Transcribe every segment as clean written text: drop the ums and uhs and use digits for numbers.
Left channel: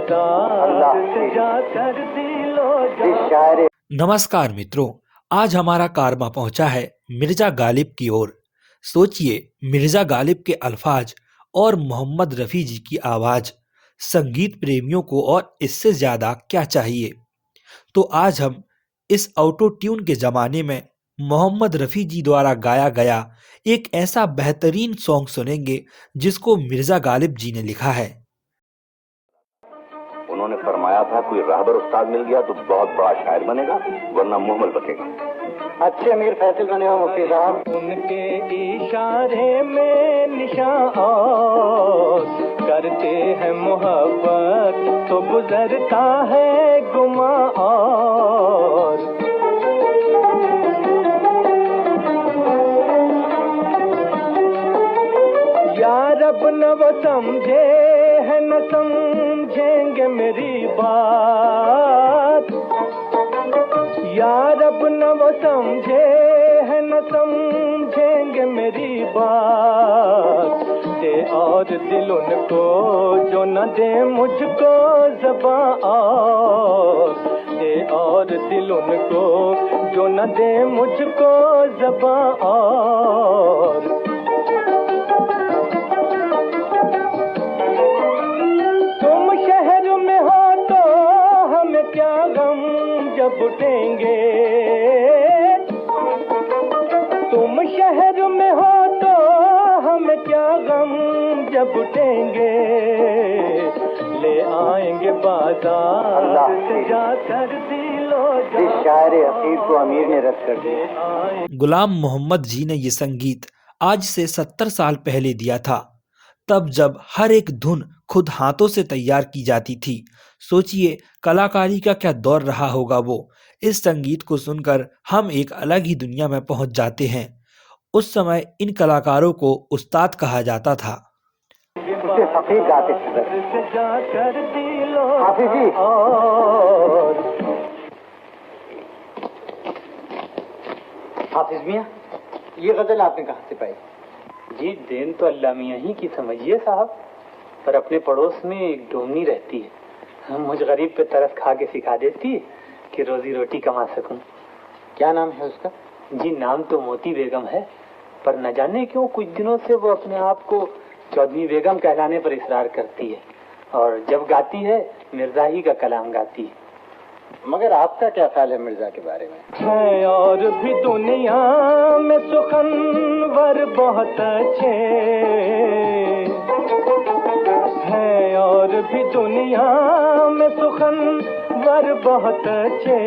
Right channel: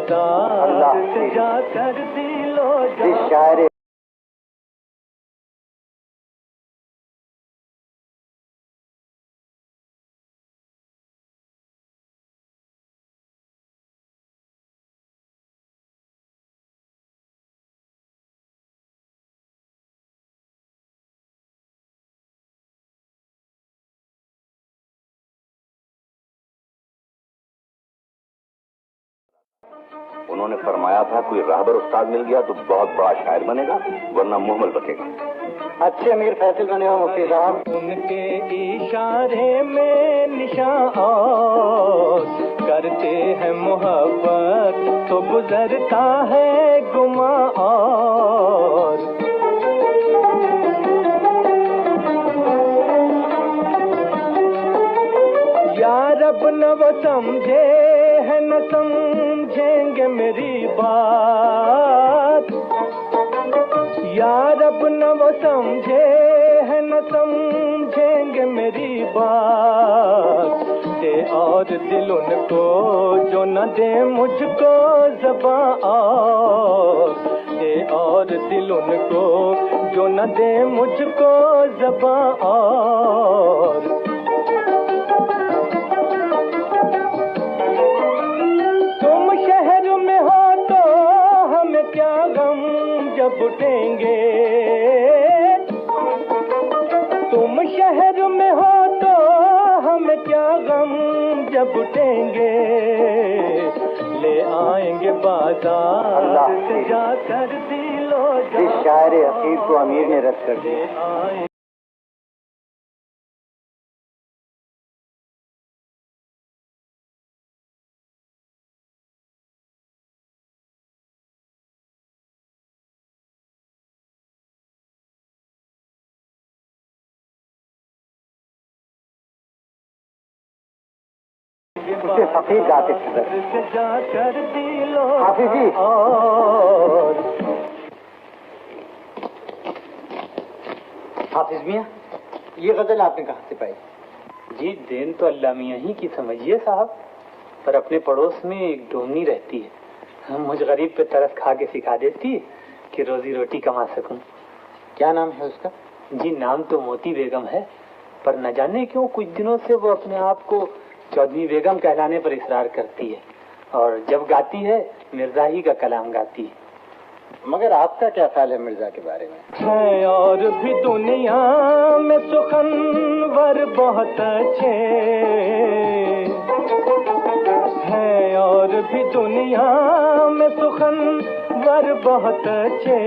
बाजार से जाकर दिलो। नमस्कार मित्रों, आज हमारा कारवा पहुंचा है मिर्जा गालिब की ओर। सोचिए, मिर्जा गालिब के अल्फाज और मोहम्मद रफ़ी जी की आवाज़, संगीत प्रेमियों को और इससे ज़्यादा क्या चाहिए। तो आज हम इस ऑटो ट्यून के ज़माने में मोहम्मद रफ़ी जी द्वारा गाया गया एक ऐसा बेहतरीन सॉन्ग सुनेंगे जिसको मिर्जा गालिब जी ने लिखा है। उन्होंने फरमाया था कोई राहबर उस्ताद मिल गया तो बहुत बड़ा शायर बनेगा, वरना मुहम्मल बचेगा। अच्छे अमीर फैसल बने हो मुफ्ती साहब। उनके इशारे में निशान करते हैं मोहब्बत तो गुजरता है गुमा और यार अब न वो समझे है न समझेंगे मेरी बात, यार अब न वो समझे है न समझेंगे मेरी बात। दे और दिल उनको जो न दे मुझको ज़बान और दे और दिल उनको जो न दे मुझको ज़बान और क्या गम जब उठेंगे, तुम शहर में हो तो हमें क्या गम जब उठेंगे, ले आएंगे बाजार से जाकर दिलो। इस शायर अकीर को अमीर ने रद्द कर दिया। गुलाम मोहम्मद जी ने ये संगीत आज से 70 साल पहले दिया था, तब जब हर एक धुन खुद हाथों से तैयार की जाती थी। सोचिए कलाकारी का क्या दौर रहा होगा वो। इस संगीत को सुनकर हम एक अलग ही दुनिया में पहुंच जाते हैं। उस समय इन कलाकारों को उस्ताद कहा जाता था। उसे फकीर गाते थे। हाफिज जी, हाफिज मियां, ये गजल आपने कहाँ से पाई? जी, देन तो अल्लाह मियां ही की समझिए साहब, पर अपने पड़ोस में एक डोमनी रहती है, हम मुझ गरीब पे तरस खा के सिखा देती है कि रोजी रोटी कमा सकूं। क्या नाम है उसका? जी, नाम तो मोती बेगम है, पर न जाने क्यों कुछ दिनों से वो अपने आप को चौधरी बेगम कहलाने पर इसरार करती है, और जब गाती है मिर्जा ही का कलाम गाती है। मगर आपका क्या ख्याल है मिर्जा के बारे में? है और भी दुनिया में सुखनवर बहुत अच्छे हैं, और भी दुनिया में सुखनवर बहुत अच्छे,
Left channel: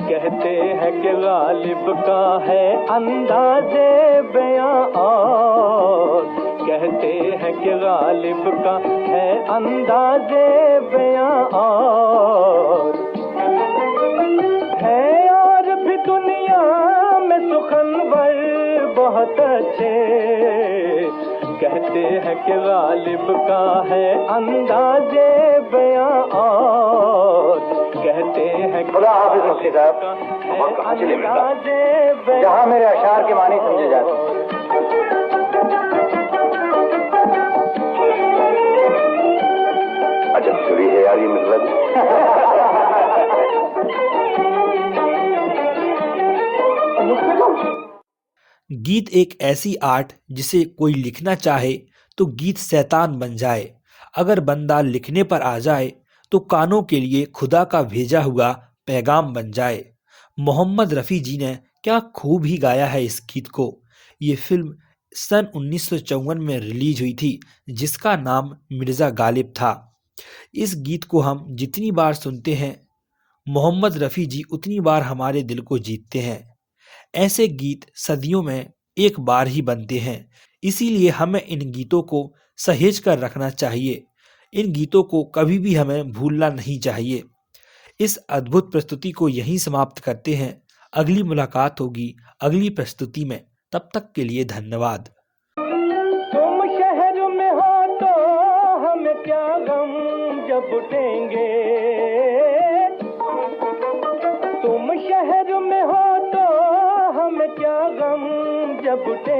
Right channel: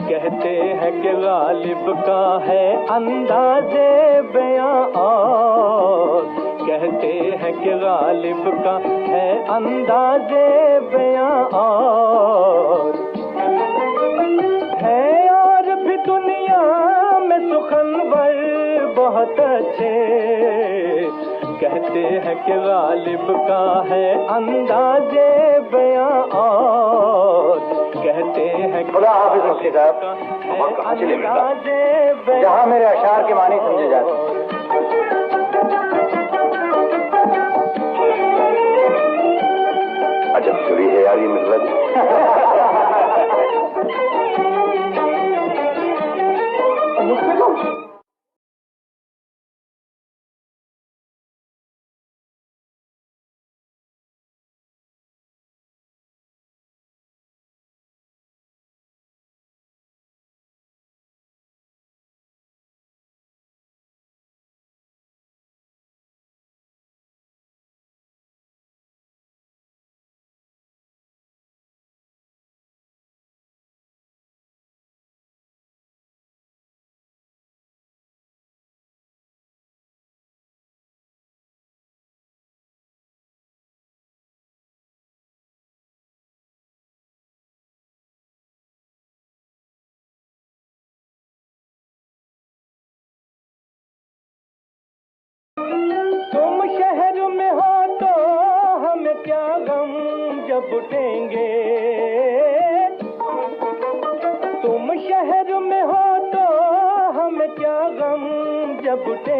कहते हैं कि गालिब का है अंदाज़े बयां और कहते हैं कि गालिब का है अंदाज़े बयां और है, और भी दुनिया में सुखनवर बहुत अच्छे, कहते हैं कि गालिब का है अंदाज़े बयां और कहते हैं कि खुदा हाफिज मुफ्ती साहब, जहाँ मेरे अशार के मानी समझे जाते। अजब सुरी है यार ये मिर्जा जी। गीत एक ऐसी आर्ट जिसे कोई लिखना चाहे तो गीत शैतान बन जाए। अगर बंदा लिखने पर आ जाए तो कानों के लिए खुदा का भेजा हुआ पैगाम बन जाए। मोहम्मद रफ़ी जी ने क्या खूब ही गाया है इस गीत को। ये फिल्म सन 1954 में रिलीज हुई थी, जिसका नाम मिर्ज़ा गालिब था। इस गीत को हम जितनी बार सुनते हैं, मोहम्मद रफ़ी जी उतनी बार हमारे दिल को जीतते हैं। ऐसे गीत सदियों में एक बार ही बनते हैं, इसीलिए हमें इन गीतों को सहेज कर रखना चाहिए। इन गीतों को कभी भी हमें भूलना नहीं चाहिए। इस अद्भुत प्रस्तुति को यहीं समाप्त करते हैं। अगली मुलाकात होगी अगली प्रस्तुति में। तब तक के लिए धन्यवाद। तुम शहर में हो तो हमें क्या गम जब उठेंगे, तुम शहर में हो तो हमें क्या गम जब उठेंगे।